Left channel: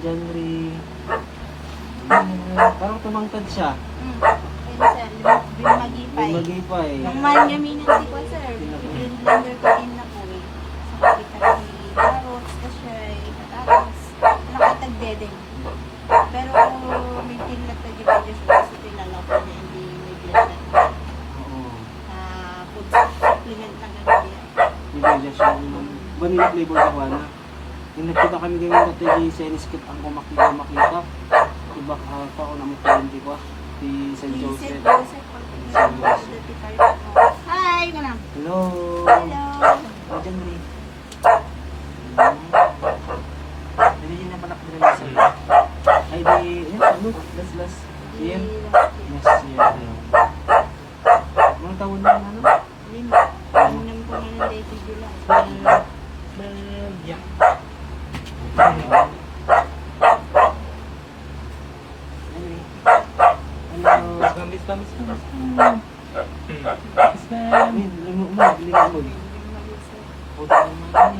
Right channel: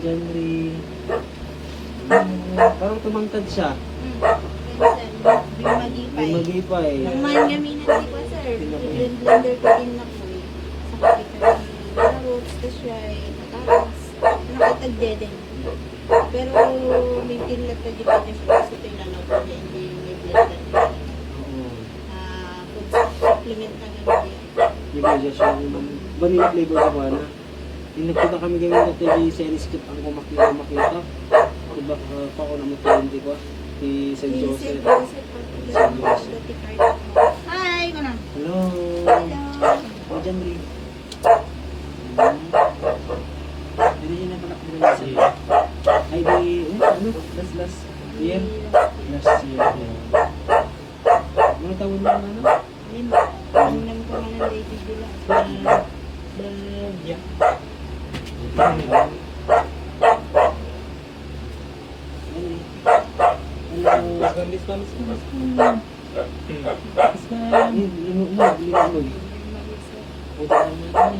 John Ray. Parang tumangkad siya. Bimagipay. Magipay. Ang mahal gaminan di ko, sir. Blender ko din na po eh. Sa kapitang ni Barots, kasi ay patatas. Nakatagdede. Pero may tinlag na di ko din sa tinanaw ko din hindi may blender. Oo. Food supplement na gano'n. Hindi ko dyan siya. Vanilla flavor sa mana. Yung nagpunta kami ganyan dito yung Senis Kit ang makita. Diba ka ako naman hindi ko si St. Joseph. Hi! Ko na. Hello! Hello! O, John Ray. Hindi niya na panak nila sa iyo. Ay, di, ano? Last year? Last year. Mga taon na ano? Lima. Ano lang po ng lady Gula. Yeah. Hello. Kamis. Lumog. Puta naman.